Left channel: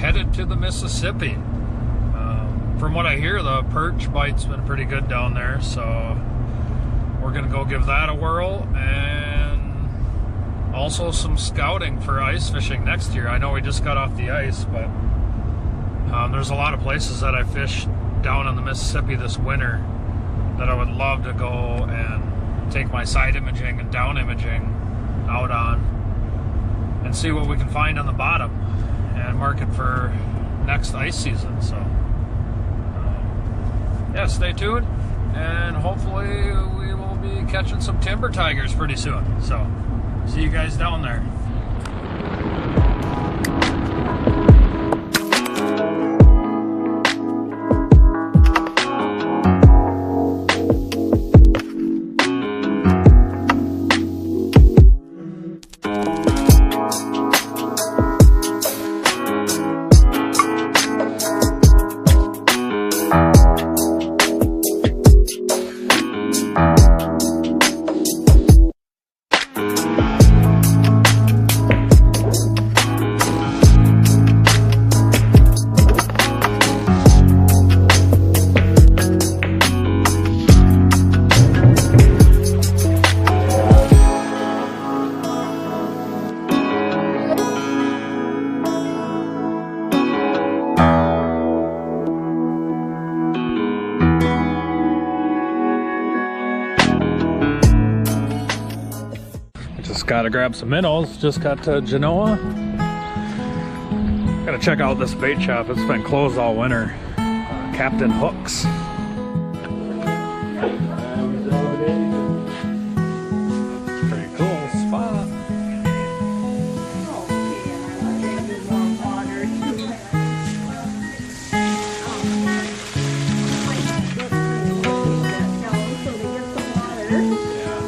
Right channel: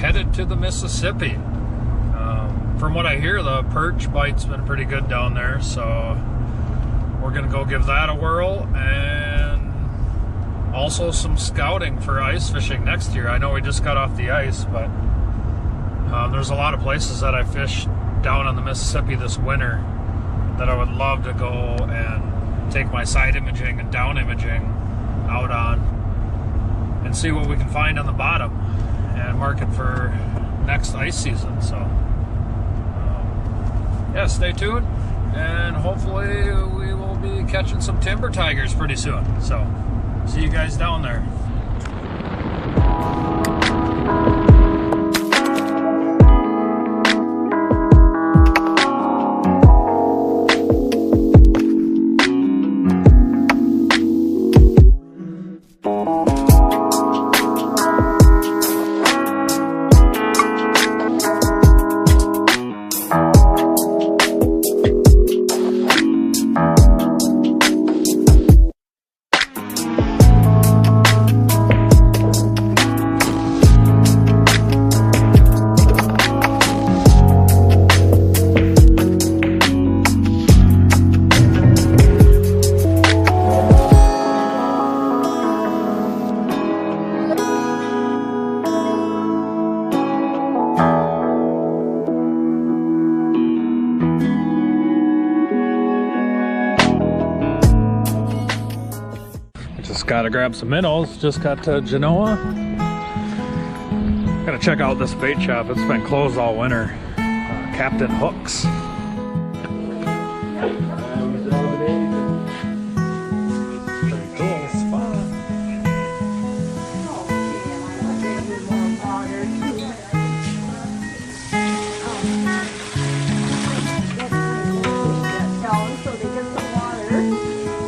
headed to the Mississippi. From what I hear, the perch bite's been pretty good down there, so we're gonna go give that a whirl, and also some scouting for ice fishing next year. I know we just got off the ice, but there's a lot of places that I fished down on the Mississippi this winter that I would love to go and take my side imaging and down imaging out on and see what we can find on the bottom and mark it for next ice season. So yeah, stay tuned, and hopefully we will be catching some timber tigers pretty soon. So see you guys down there. Just gotta grab some minnows. Just got to Genoa. Gotta check out this bait shop. It's been closed all winter. Captain Hooks. Pretty cool spot. Okay, and I will get you more water too. Let's push that down so they get some water. Yeah.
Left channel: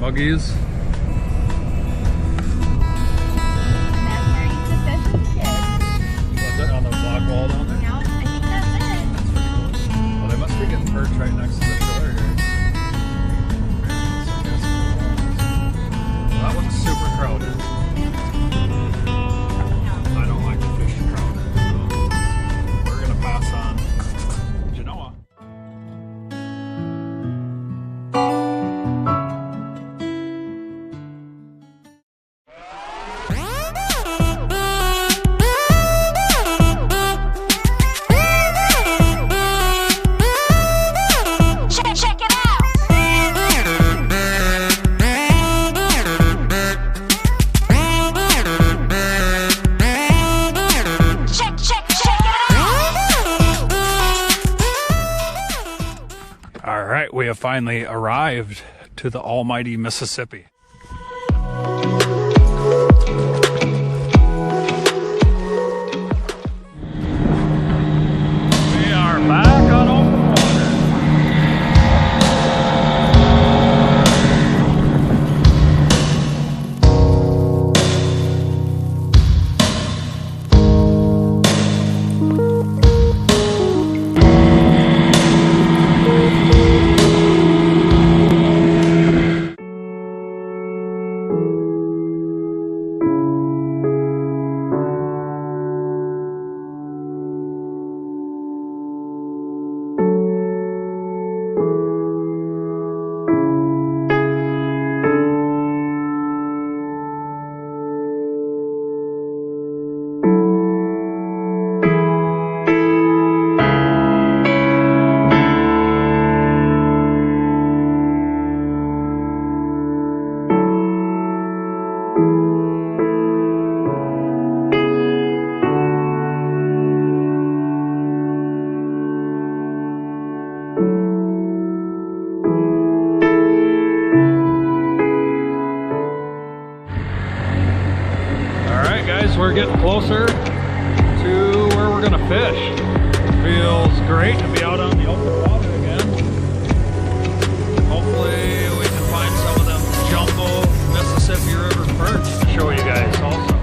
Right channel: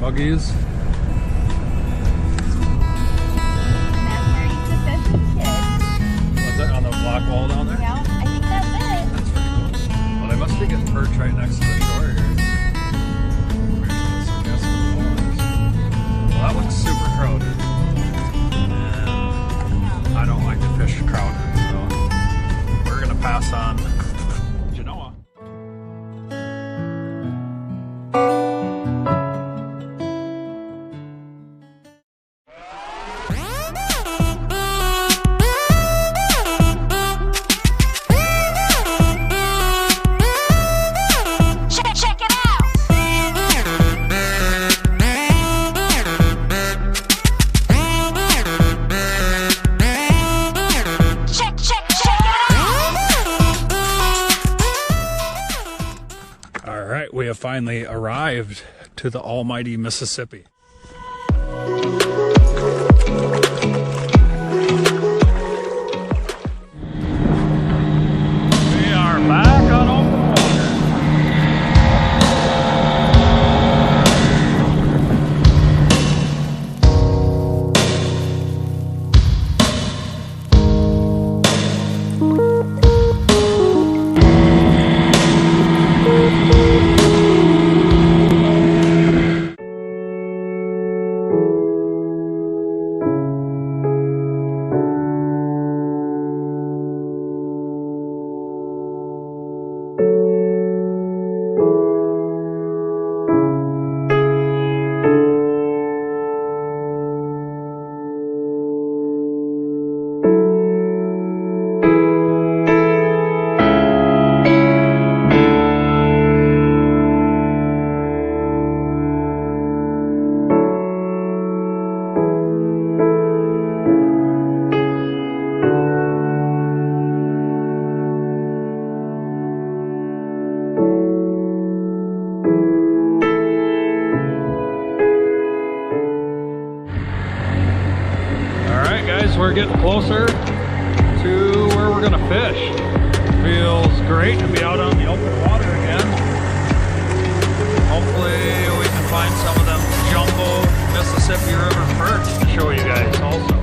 Buggies. And that's where you put fish and kids. What's that on the block wall down there? Yeah, I think that's it. That's pretty cool. Well, they must be getting perch right next to the shore here. Well, that looks super crowded. I don't like to fish crowded, so we're gonna pass on Genoa. All right, we have finally arrived to the almighty Mississippi. We are back on open water. we're getting closer to where we're gonna fish. Feels great to be out on the open water again. Hopefully we can find some of them jumbo Mississippi River perch to show you guys also.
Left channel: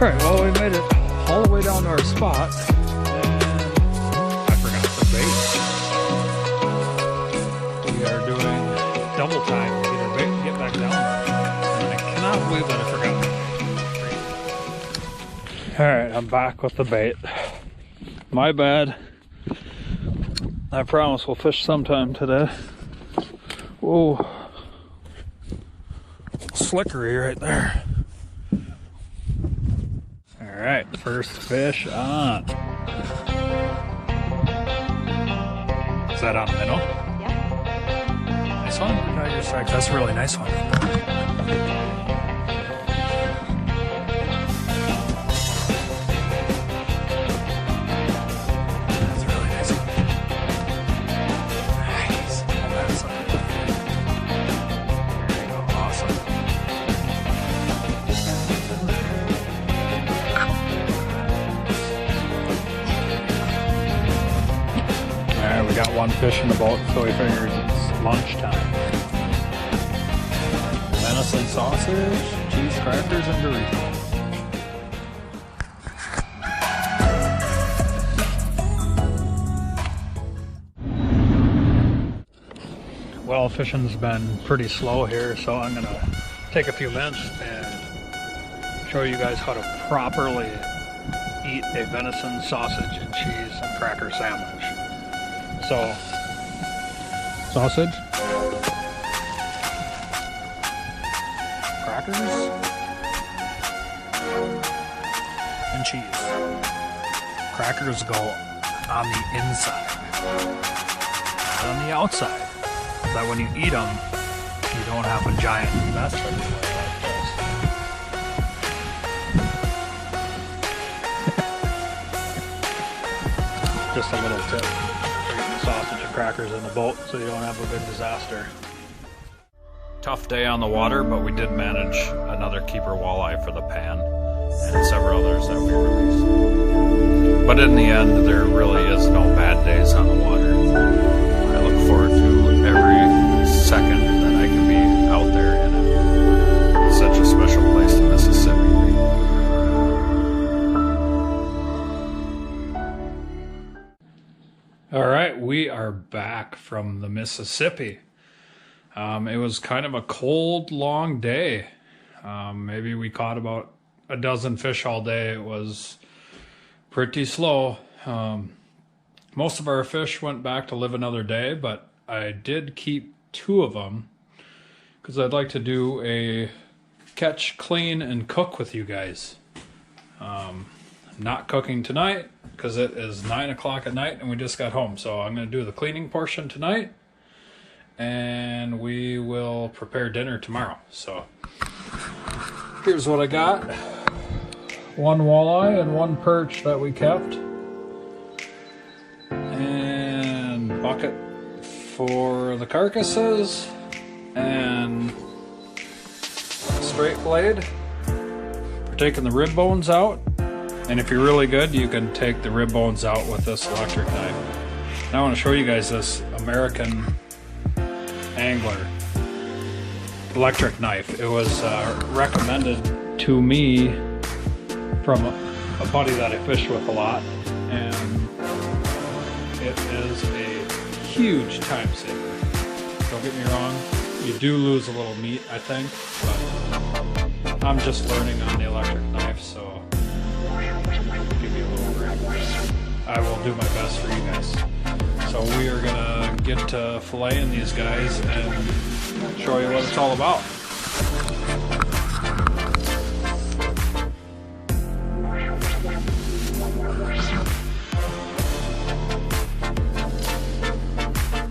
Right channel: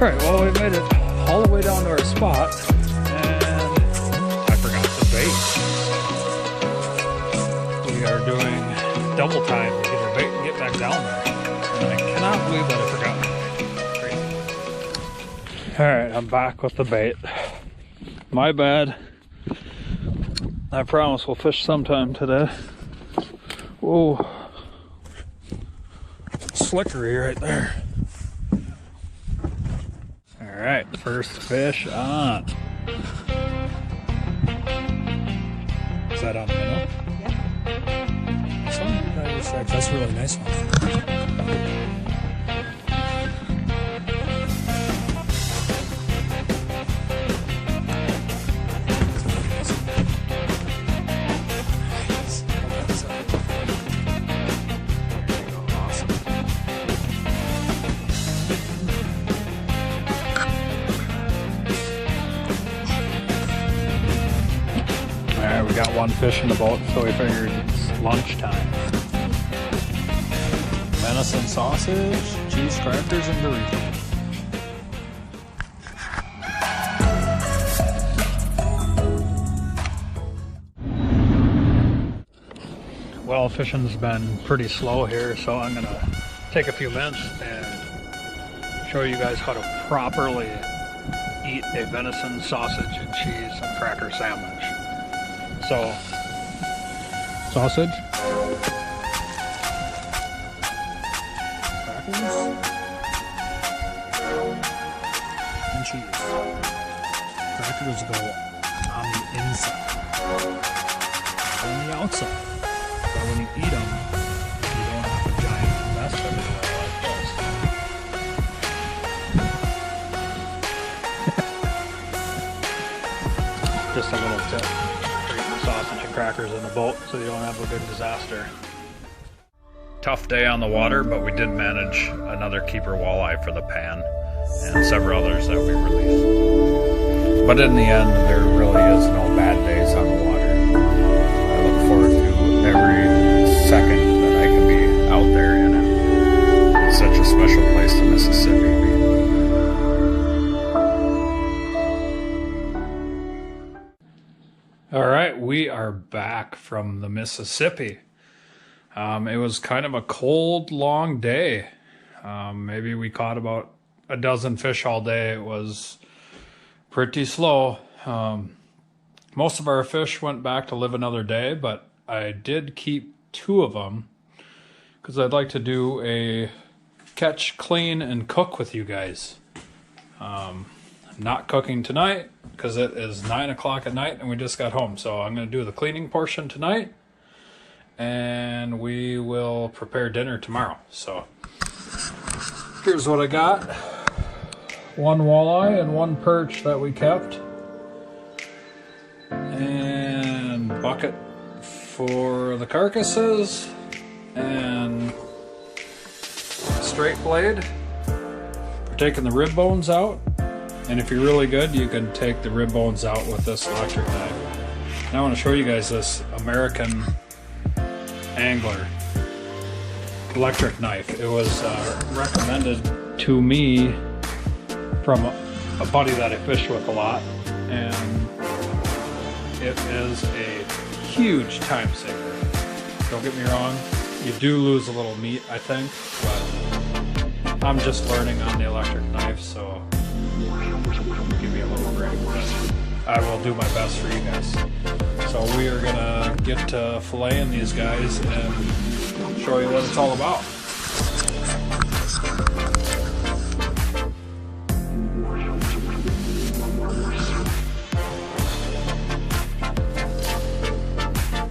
Alright, well we made it all the way down to our spot and I forgot the bait. We are doing double time to get our bait and get back down there. And I cannot believe that I forgot the bait. Crazy. Alright, I'm back with the bait. My bad. I promise we'll fish sometime today. Whoa. Slickery right there. Alright, first fish on. Is that on minnow? Yeah. Nice one? Tiger strikes. That's a really nice one. We got one fish in the boat, so we figured it's lunchtime. Venison sausage, cheese crackers, and Doritos. Well, fishing's been pretty slow here, so I'm gonna take a few minutes and show you guys how to properly eat a venison sausage and cheese and cracker sandwich. So, sausage, crackers, and cheese. Crackers go on the inside, not on the outside. So that when you eat them, you don't have a giant mess everywhere like this. Just a little tip. Sausage and crackers in the boat so you don't have a big disaster. Tough day on the water, but we did manage another keeper walleye for the pan and several others that we released. But in the end, there really is no bad days on the water. I look forward to every second that I can be out there in it. It's such a special place to Mississippi. All right, we are back from the Mississippi. It was kind of a cold, long day. Maybe we caught about a dozen fish all day. It was pretty slow. Most of our fish went back to live another day, but I did keep 2 of them because I'd like to do a catch, clean, and cook with you guys. I'm not cooking tonight because it is 9 o'clock at night and we just got home. So I'm going to do the cleaning portion tonight and we will prepare dinner tomorrow. So here's what I got. 1 walleye and 1 perch that we kept. And bucket for the carcasses and straight blade. We're taking the rib bones out. And if you're really good, you can take the rib bones out with this electric knife. Now I want to show you guys this American Angler electric knife. It was recommended to me from a buddy that I fish with a lot. And it is a huge time saver. Don't get me wrong, you do lose a little meat, I think, but I'm just learning on the electric knife, so give me a little break, but I will do my best for you guys. So we are gonna get to filleting these guys and show you what it's all about.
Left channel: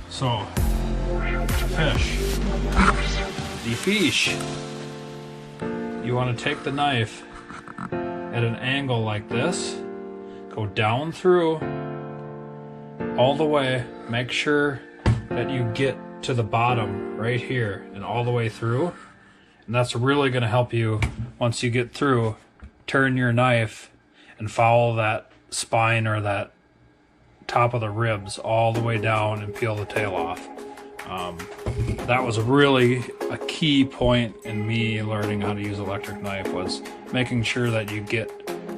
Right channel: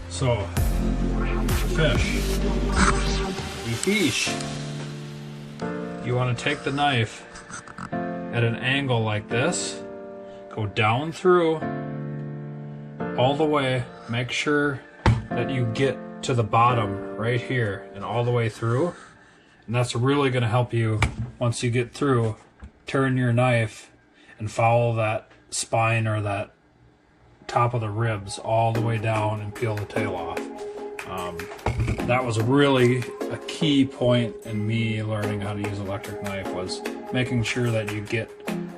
So, the fish, you want to take the knife at an angle like this, go down through all the way, make sure that you get to the bottom right here and all the way through, and that's really going to help you once you get through turn your knife and follow that spine or that top of the ribs all the way down and peel the tail off. That was really a key point in me learning how to use electric knife, was making sure that you get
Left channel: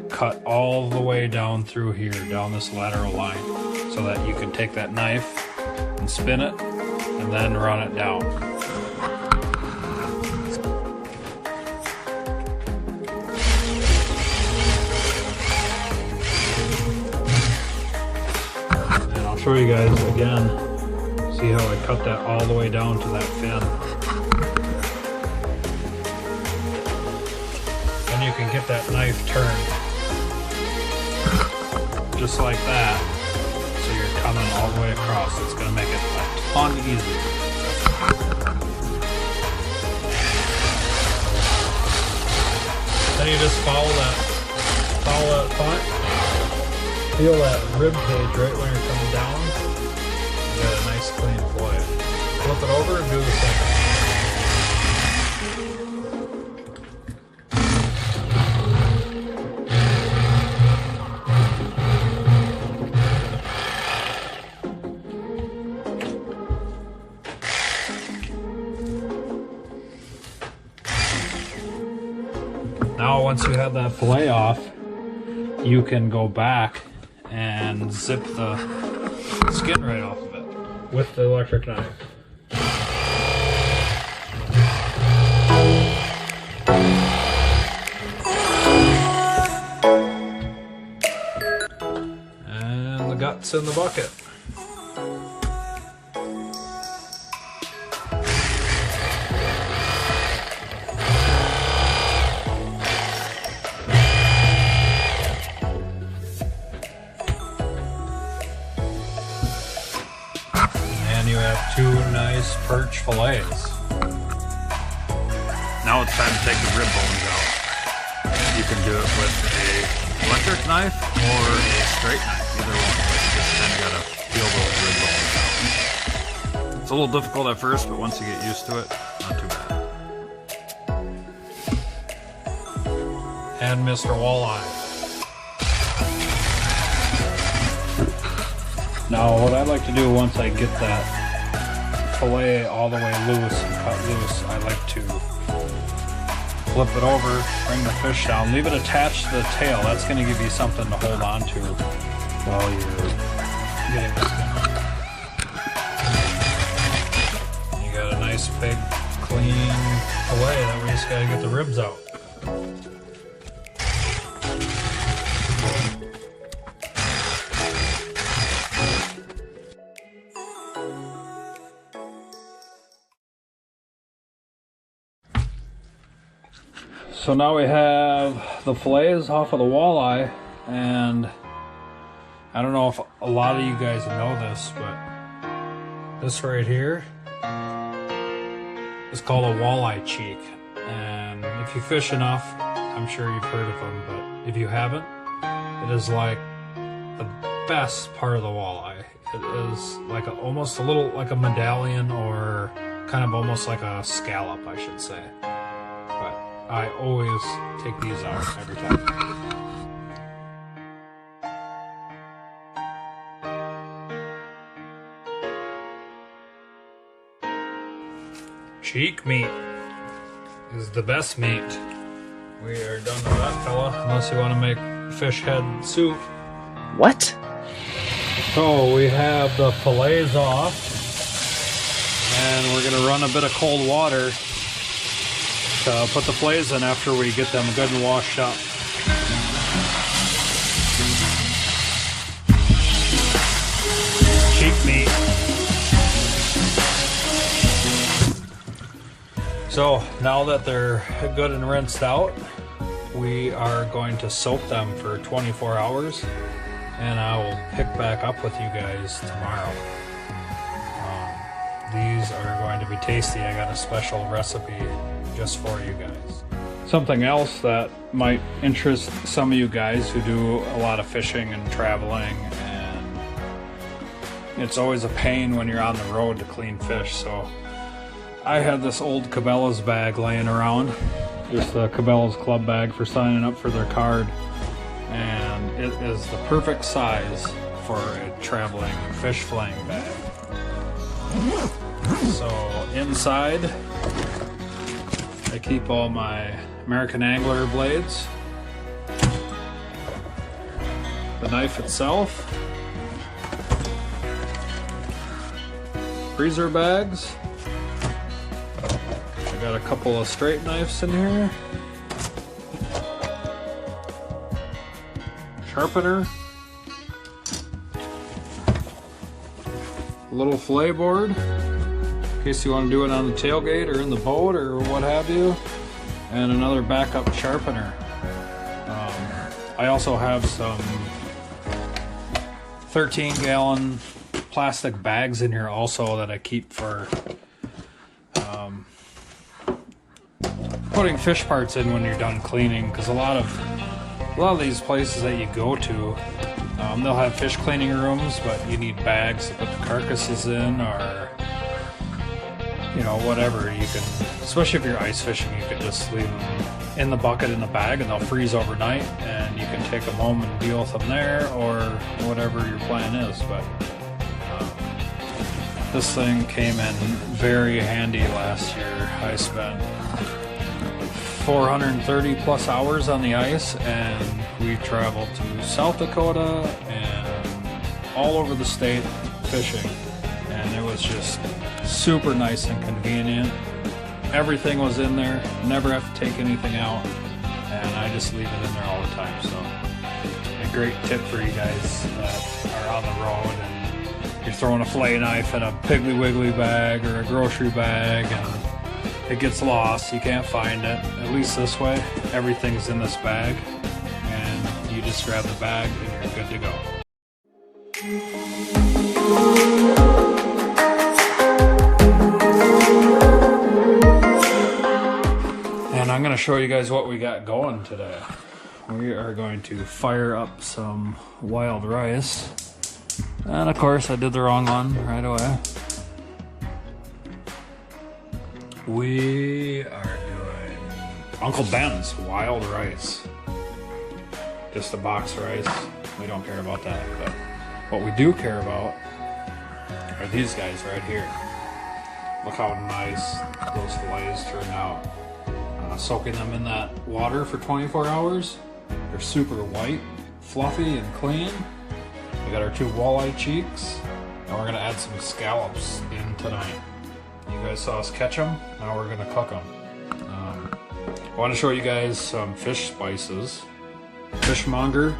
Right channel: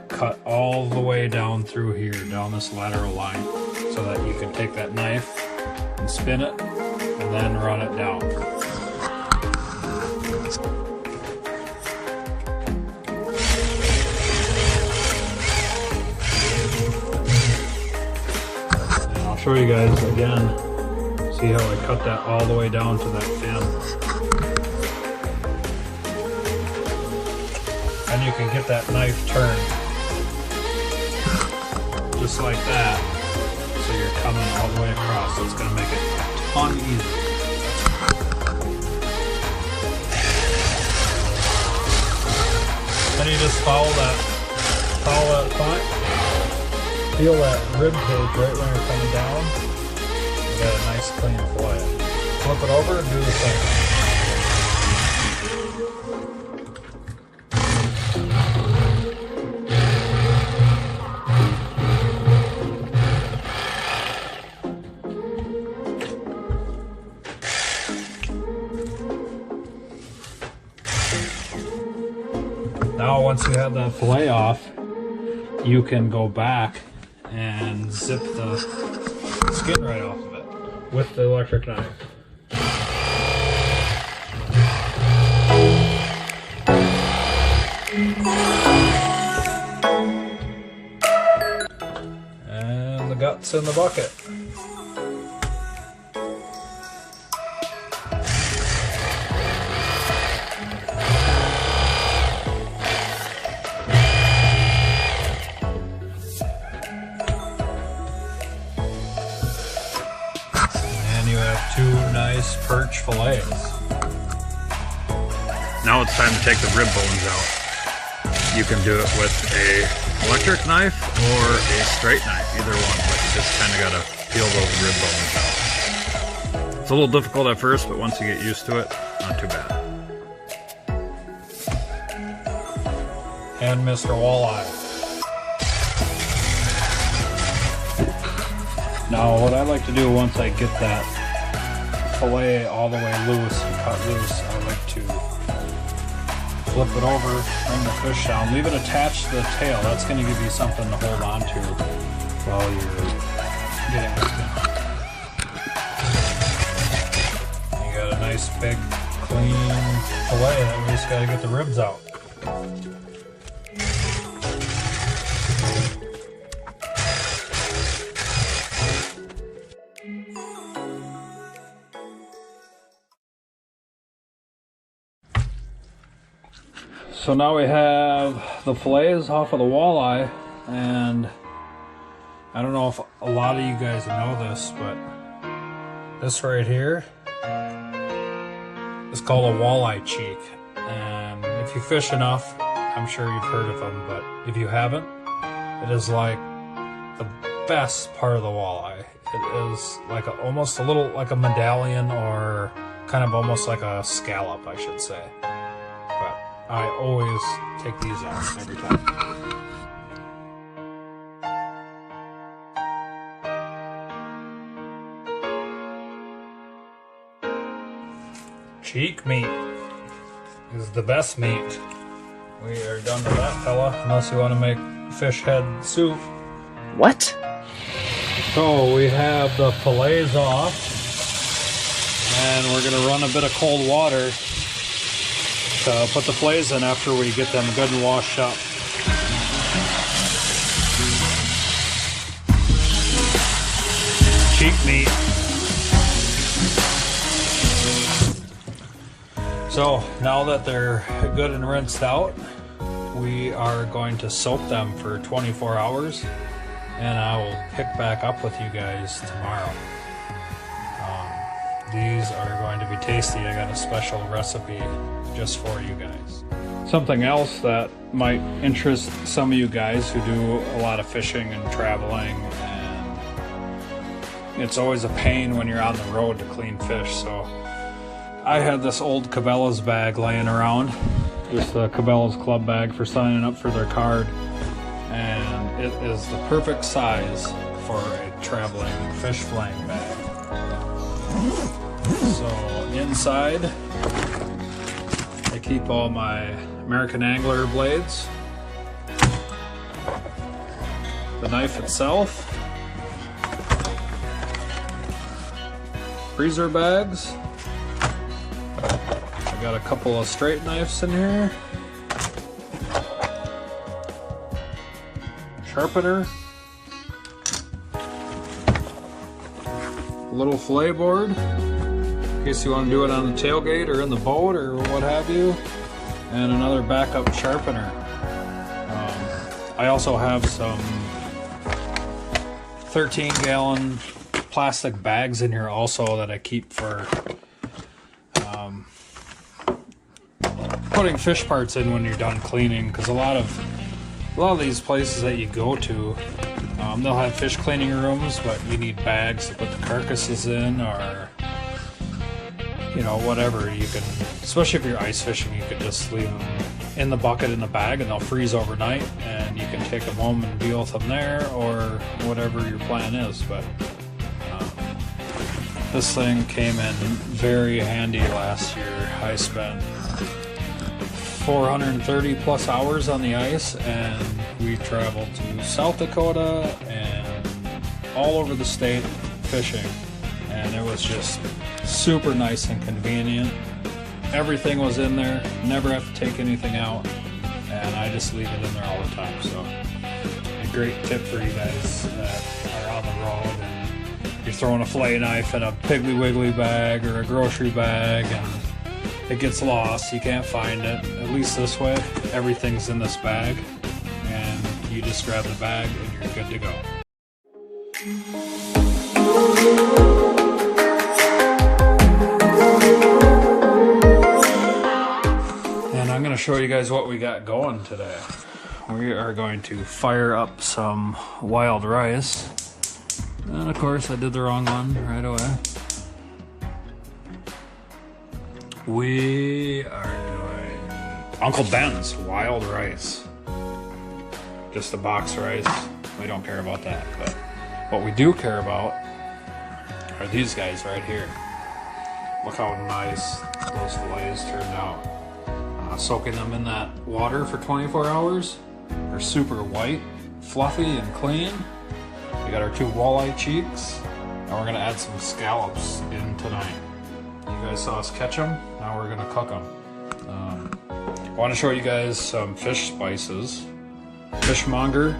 cut all the way down through here, down this lateral line, so that you can take that knife and spin it and then run it down. And I'll show you guys again. See how I cut that all the way down to that fin. And you can get that knife turned just like that, so you're coming all the way across. It's going to make it a ton easier. Then you just follow that point, feel that rib cage right when you're coming down. You got a nice clean fillet. Flip it over and do the same. Now once you have that fillet off, you can go back and zip the skin right off of it with the electric knife. And the guts in the bucket. And you have two nice perch fillets. Now it's time to take the rib bones out. You can do it with a electric knife or a straight knife, either one, but you just kind of gotta peel those rib bones out. It's a little difficult at first, but once you get used to it, not too bad. And Mr. Walleye. Now what I like to do once I get that fillet all the way loose and cut loose, I like to flip it over, bring the fish down, leave it attached to the tail. That's going to give you something to hold on to while you're getting the skin on. You got a nice big clean fillet, that way you just got to get the ribs out. So now we have the fillets off of the walleye, and I don't know if a lot of you guys know this, but this right here is called a walleye cheek. And if you fish enough, I'm sure you've heard of them, but if you haven't, it is like the best part of the walleye. It is like almost a little like a medallion, or kind of almost like a scallop, I should say. But I always take these out every time. Cheek meat is the best meat. We are done with that, fella, unless you want to make fish head soup. What? So we have the fillets off, and we're going to run a bit of cold water to put the fillets in after we get them good and washed up. Cheek meat. So now that they're good and rinsed out, we are going to soak them for 24 hours, and I will pick back up with you guys tomorrow. These are going to be tasty. I got a special recipe just for you guys. Something else that might interest some of you guys who do a lot of fishing and traveling, and it's always a pain when you're on the road to clean fish. So I had this old Cabela's bag laying around, just the Cabela's club bag for signing up for their card, and it is the perfect size for a traveling fish filleting bag. So inside I keep all my American Angler blades, the knife itself, freezer bags. I got a couple of straight knives in here, sharpener, a little fillet board in case you want to do it on the tailgate or in the boat or what have you, and another backup sharpener. I also have some 13-gallon plastic bags in here also that I keep for putting fish parts in when you're done cleaning, because a lot of these places that you go to, they'll have fish cleaning rooms, but you need bags to put the carcasses in, or you know, whatever. You can, especially if you're ice fishing, you can just leave them in the bucket in the bag and they'll freeze overnight, and you can take them home and deal with them there, or whatever your plan is. But this thing came in very handy last year. I spent 430 plus hours on the ice, and we traveled to South Dakota and all over the state fishing, and it was just super nice and convenient. Everything was in there, never have to take anything out, and I just leave it in there all the time. So a great tip for you guys that are on the road and you're throwing a fillet knife in a Piggly Wiggly bag or a grocery bag and it gets lost, you can't find it. At least this way, everything's in this bag, and you just grab the bag and you're good to go. And I'm going to show you guys what we got going today. We are going to fire up some wild rice. And of course I did the wrong one right away. We are doing Uncle Ben's wild rice. Just a box rice. We don't care about that, but what we do care about are these guys right here. Look how nice those fillets turned out. Soaking them in that water for 24 hours. They're super white, fluffy, and clean. We got our 2 walleye cheeks, and we're gonna add some scallops in tonight. You guys saw us catch them, now we're gonna cook them. I want to show you guys some fish spices. Fishmonger,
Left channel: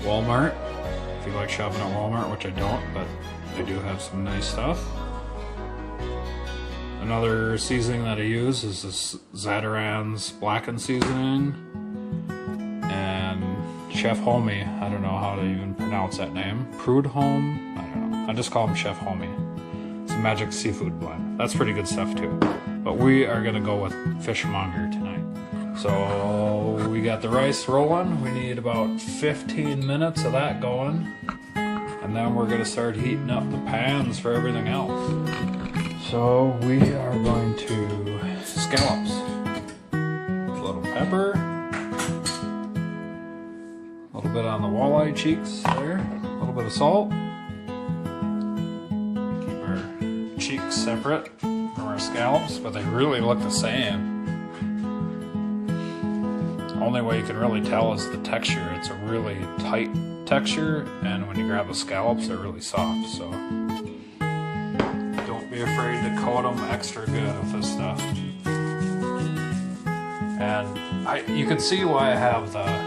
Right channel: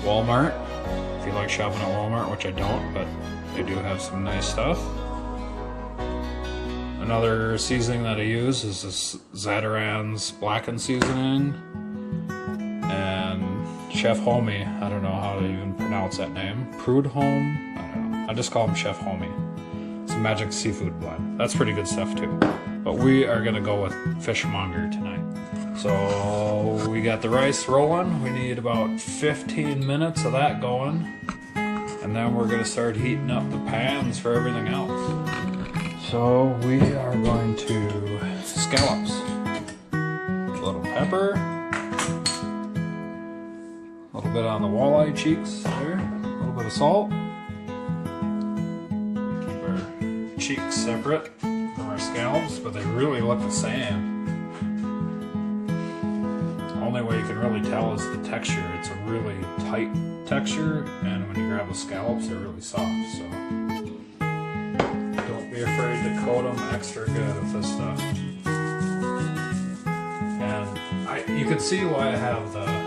Walmart. If you like shopping at Walmart, which I don't, but they do have some nice stuff. Another seasoning that I use is this Zatarain's blackened seasoning, and Chef Homie. I don't know how to even pronounce that name. Prudhomme? I don't know. I just call him Chef Homie. It's a magic seafood blend. That's pretty good stuff too. But we are gonna go with Fishmonger tonight. So we got the rice rolling. We need about 15 minutes of that going. And then we're gonna start heating up the pans for everything else. So we are going to scallops. A little pepper. A little bit on the walleye cheeks there. A little bit of salt. We keep our cheeks separate from our scallops, but they really look the same. Only way you can really tell is the texture. It's a really tight texture, and when you grab the scallops, they're really soft. So don't be afraid to coat them extra good with this stuff. And you can see why I have the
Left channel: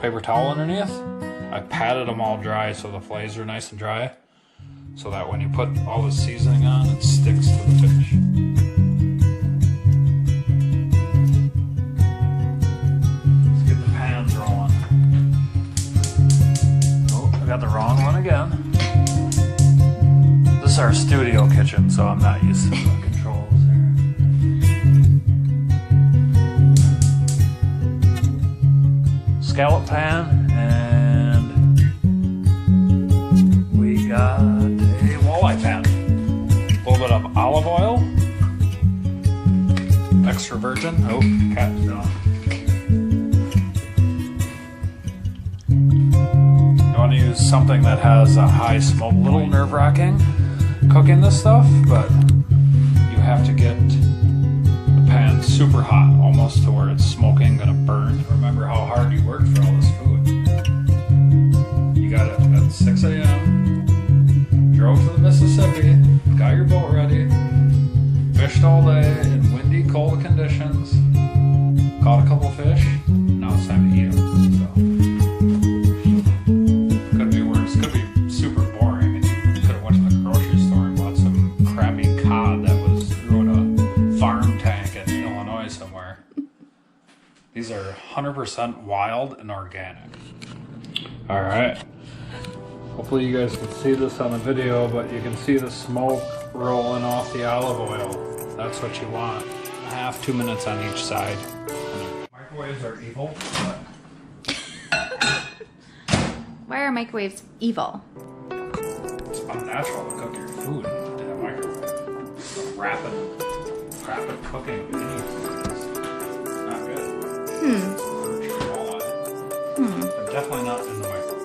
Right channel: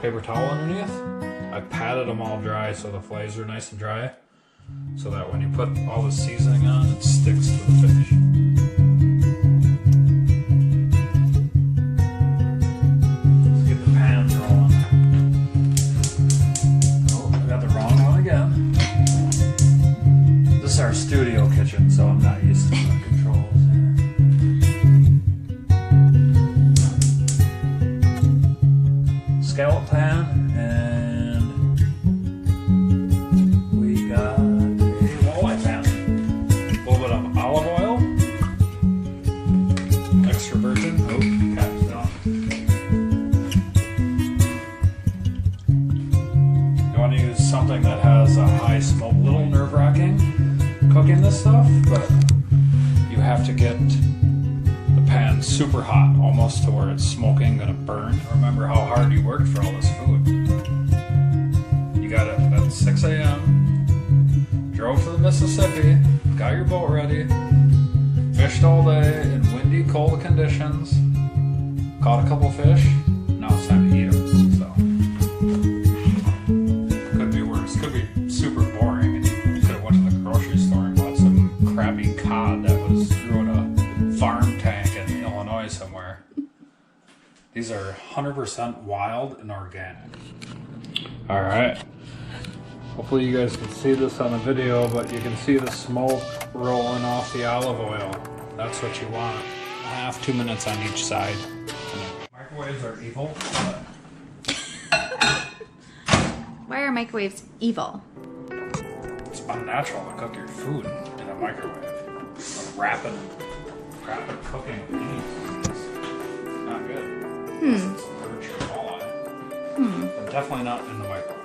paper towel underneath. I patted them all dry so the fillets are nice and dry, so that when you put all the seasoning on, it sticks to the fish. Let's get the pans rolling. Oh, I got the wrong one again. This is our studio kitchen, so I'm not used to the controls here. Scallop pan, and we got a walleye pan. A little bit of olive oil. extra virgin. Oh, cat's down. You want to use something that has a high smoke. A little nerve-wracking cooking this stuff, but you have to get the pan super hot, almost to where it's smoking, gonna burn. Remember how hard you worked for all this food. You got it at 6 a.m. Drove to the Mississippi, got your boat ready, fished all day in windy, cold conditions, caught a couple fish. Now it's time to eat them. So could be worse. Could be super boring, and you could have went to the grocery store and bought some crappy cod that was through in a farm tank in Illinois somewhere. These are 100% wild and organic. All right. Hopefully you guys can see this on the video, but you can see the smoke rolling off the olive oil. That's what you want. 2 minutes on each side. Microwaves are evil, but... Why are microwaves evil? It's unnatural to cook your food in a microwave. The rapid cooking of anything is not good. Perch-Walleye. But definitely not in the microwave.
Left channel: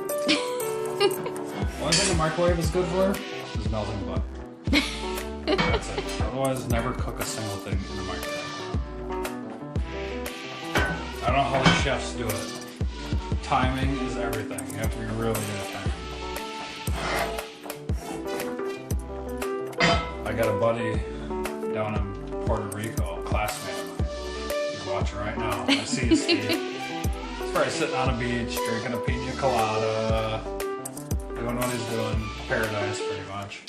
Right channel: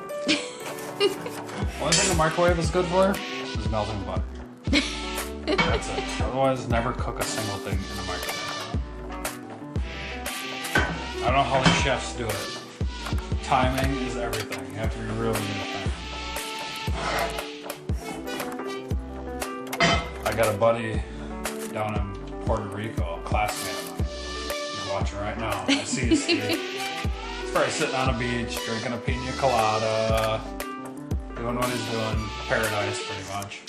Only thing the microwave is good for is melting butter. That's it. Otherwise, never cook a single thing in a microwave. I don't know how the chefs do it. Timing is everything. You have to be really good at timing. I got a buddy down in Puerto Rico, a classmate of mine. He's watching right now. I see you, Steve. He's probably sitting on a beach, drinking a pina colada, doing what he's doing. Paradise, pretty much.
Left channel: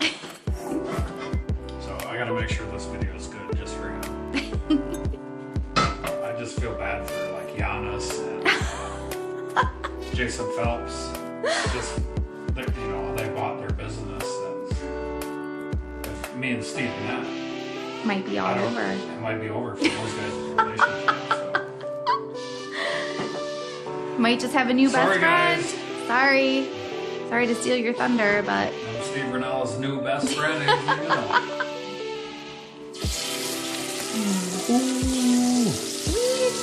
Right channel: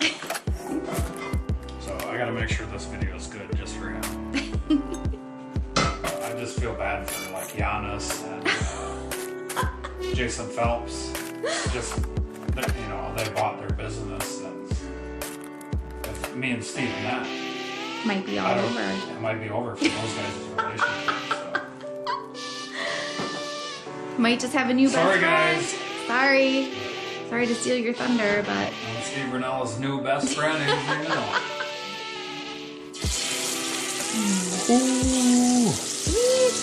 So I gotta make sure this video is good just for him. I just feel bad for like Giannis and Jason Phelps. Just, you know, they bought their business, and if me and Steve met, Might be all over. it might be over for those guys' relationship. So. Might just have a new Sorry, best friend. guys. Sorry. Sorry to steal your thunder, but... I'm Steve Renella's new best friend, anything you know. Ooh. Sweet.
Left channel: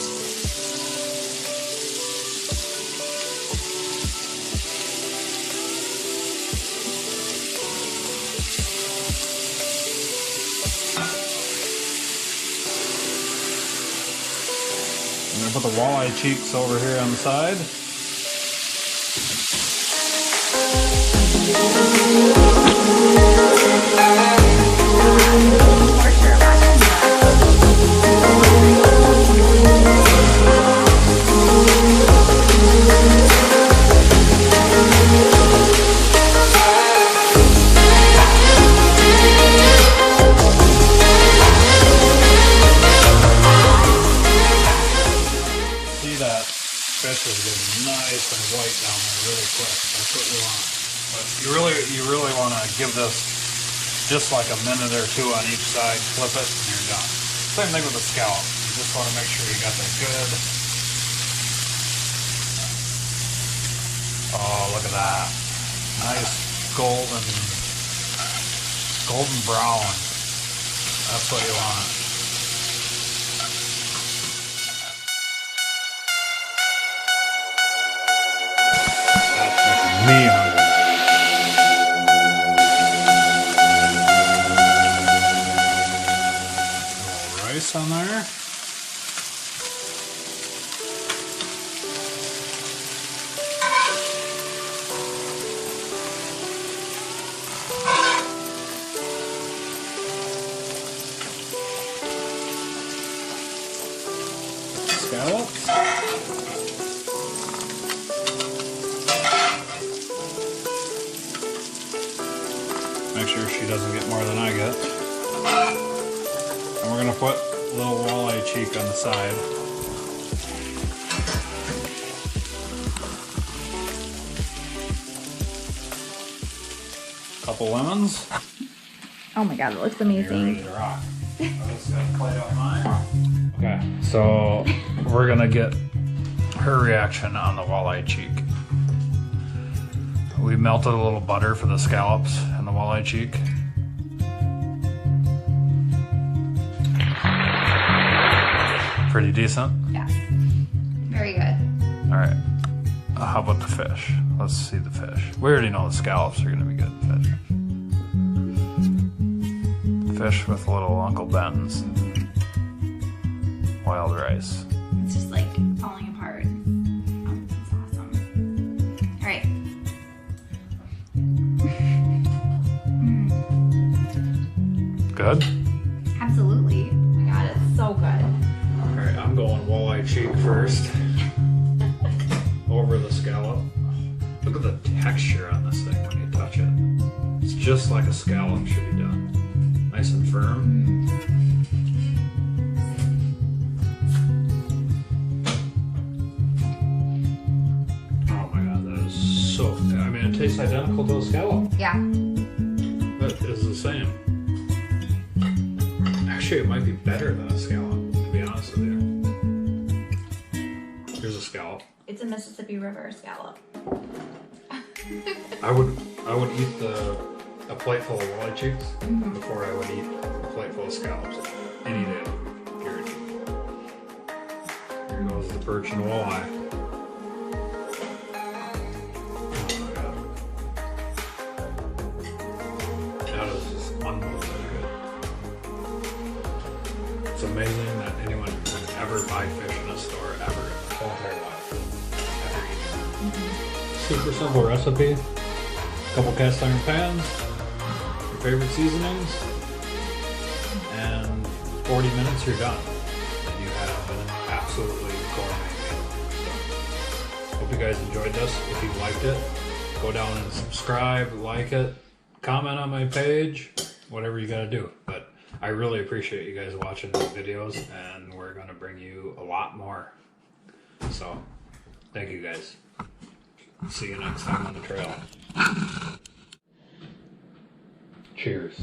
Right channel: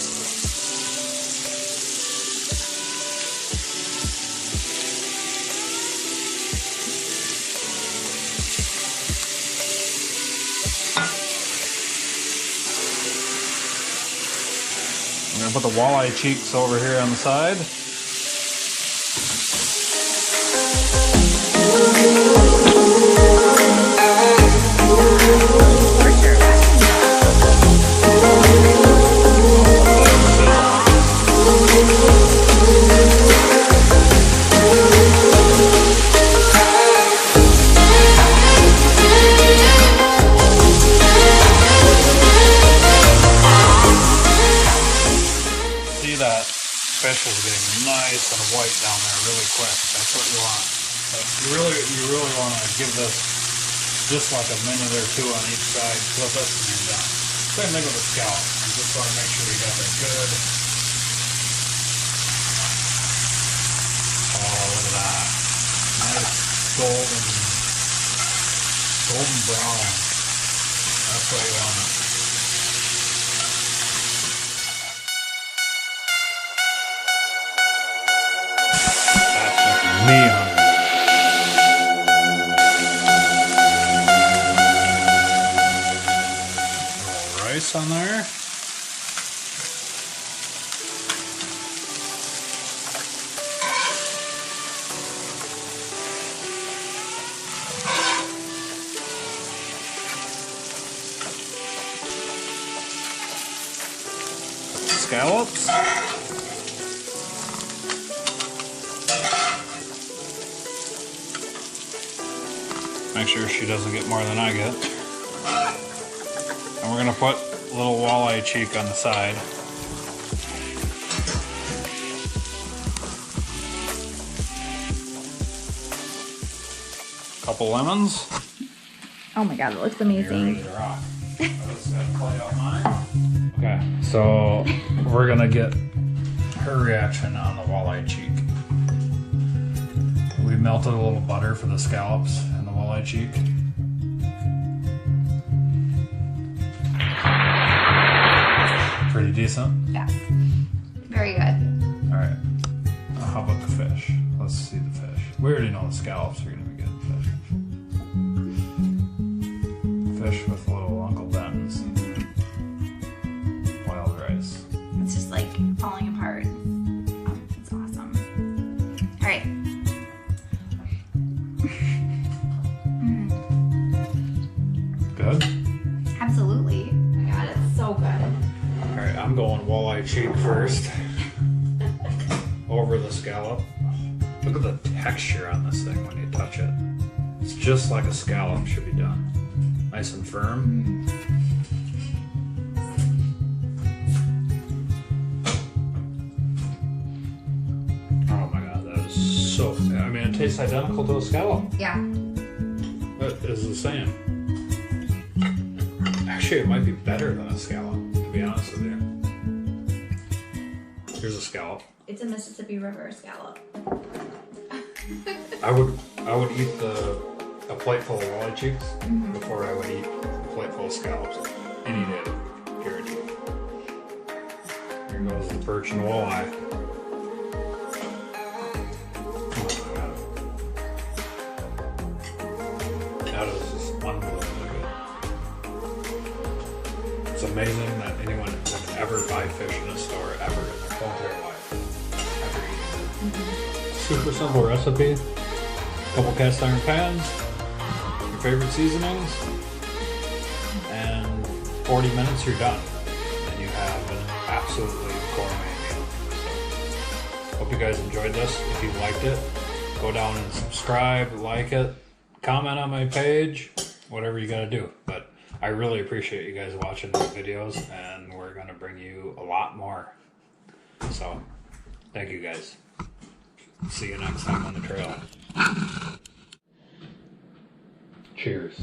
I'm gonna put the walleye cheeks over here on the side. Torture watching See that fish is getting nice and white down there really quick. That's what you want. So you really want to give this just like a minute or two on each side. Flip it and you're done. Same thing with the scallop. You just want to make sure you got that good. Oh, look at that. Nice golden brown. That's what you want. That's making me hungry. A little rice on there. Scallops. Make sure she doesn't get more than I get. And we're gonna put a little walleye cheek on the side. Couple lemons. Oh my god, it looks You're ready amazing. to rock. I'm just gonna play out mine. Okay, so we're gonna get her reaction on the walleye cheek. We melted a little butter for the scallops and the walleye cheek. Pretty decent? Yeah. Very good. All right. How about the fish? Let's see the fish. We already know the scallops are going to be good fish. Fish with little Uncle Ben's wild rice. It's just like falling apart. Oh, it's awesome. All right. Good? Absolutely. Oh my God, it's so good. All right, I'm going walleye cheek first. Over the scallop. Look at the texture on this thing when you touch it. It's just like a scallop should be done. Nice and firm. Oh my God, that is so, I mean, it tastes identical to a scallop. Yeah. It is the same. Actually, it might be better than a scallop, to be honest with you. Here's a scallop. It's a Mississippi River scallop. I would eat a plate full of walleye cheeks before I would eat a plate full of scallops any day, guaranteed. Here goes the perch and walleye. Oh my God. That is just unbelievably good. It's amazing that anyone would ever buy fish in a store ever in their whole entire life. Ever eating it. Super simple recipe. Couple cast iron pans, your favorite seasonings, and 40 minutes you're done. And you have an absolutely gourmet meal. So, hope you guys enjoyed this. If you liked it, go down and subscribe, like it, comment on my page, whatever you gotta do. But I really appreciate you guys watching these videos, and we're gonna bring you a lot more. So, thank you guys. See you next time on the trail. Cheers.